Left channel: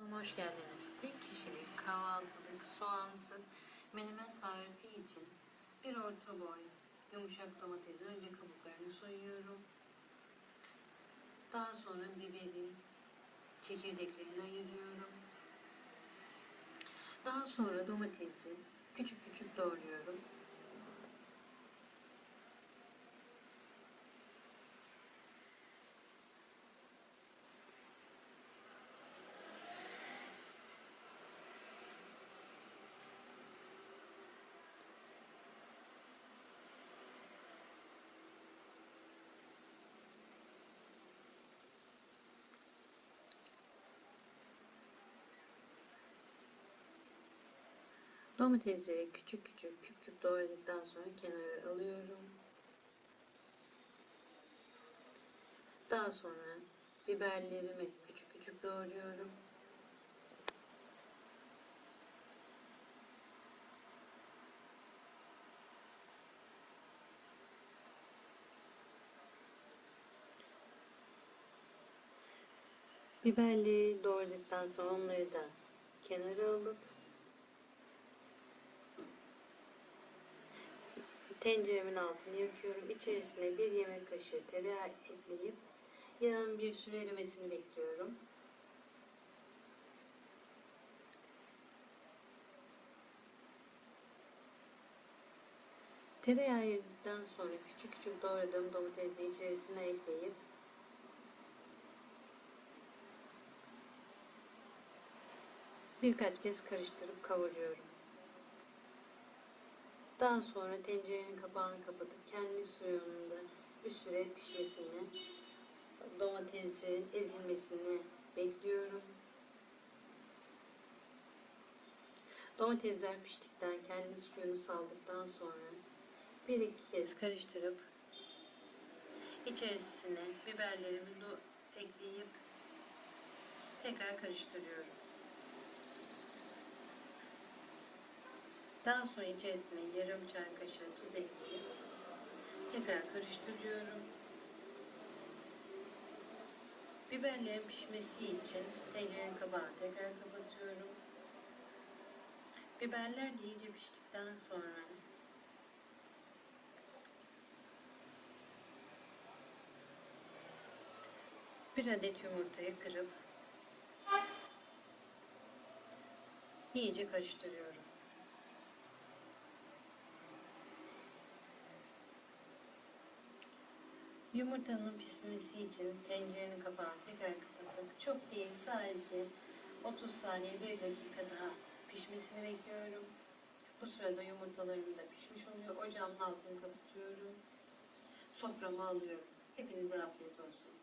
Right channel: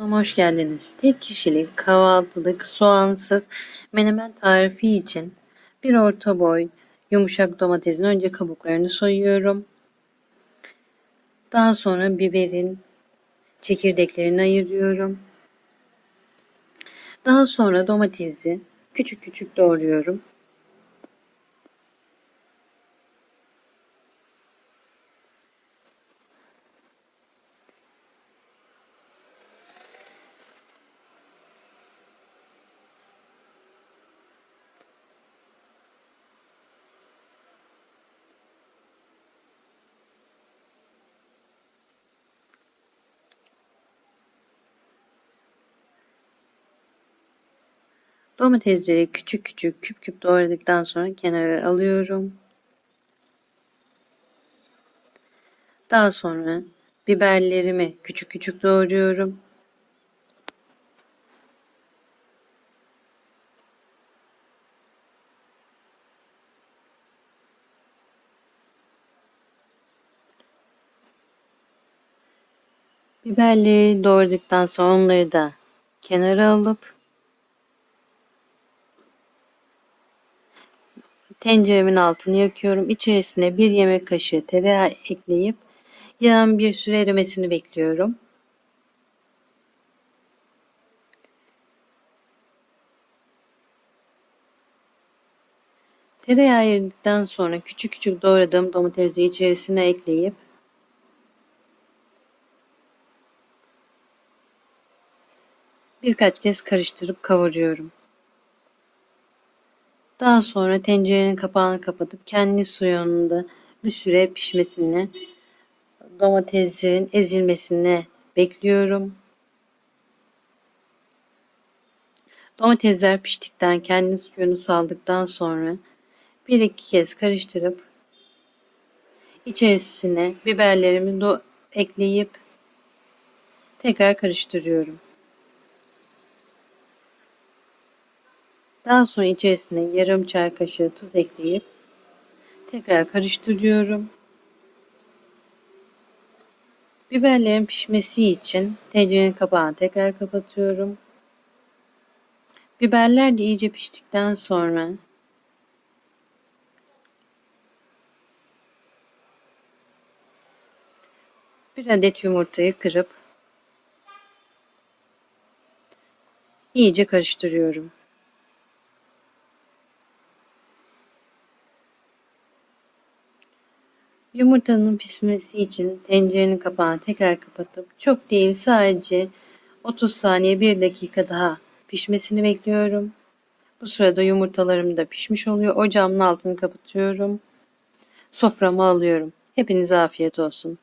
Hoş geldiniz. Tek kişilik kahvaltılık soğansız menemen tarifi için bir orta boy yumuşak domatesin önce kabuklarını soyuyorum. Daha sonra biberin çekirdeklerini ayırıyorum. Daha sonra domatesi küçük küçük doğruyorum. Domatesleri küçük küçük küp küp doğradıktan sonra kenara alıyorum. Daha sonra biberlerimi küçük küçük doğruyorum. Biberleri doğradıktan sonra onları da kenara alıp tenceremin altını yakıyorum. İçerisine bir yemek kaşığı tereyağı ekleyip yağın bir süre erimesini bekliyorum. Tereyağı eridikten sonra küçük küçük doğradığım domatesi içerisine ekleyip birkaç kez karıştırıp kavuruyorum. Daha sonra tencerenin kapağını kapatıp kendi suyunda bir süre pişmesini, domatesin ezilmesini bekliyorum. Domatesler piştikten kendi suyunu saldıktan sonra bir iki kez karıştırıp içerisine biberlerimi do ekleyip tekrar karıştırıyorum. Daha sonra içerisine yarım çay kaşığı tuz ekleyip tekrar karıştırıyorum. Biberlerin pişmesi için tencerenin kapağını tekrar kapatıyorum. Biberler de iyice piştikten sonra bir adet yumurtayı kırıp iyice karıştırıyorum. Yumurtanın pişmesi için tencerenin kapağını tekrar kapatıp çok değil sadece 30 saniye 1 dakika daha pişmesini bekliyorum. Bu sırada yumurtalarım da pişmiş oluyor. Ocağımın altını kapatıyorum. Soframa alıyorum. Hepinize afiyet olsun.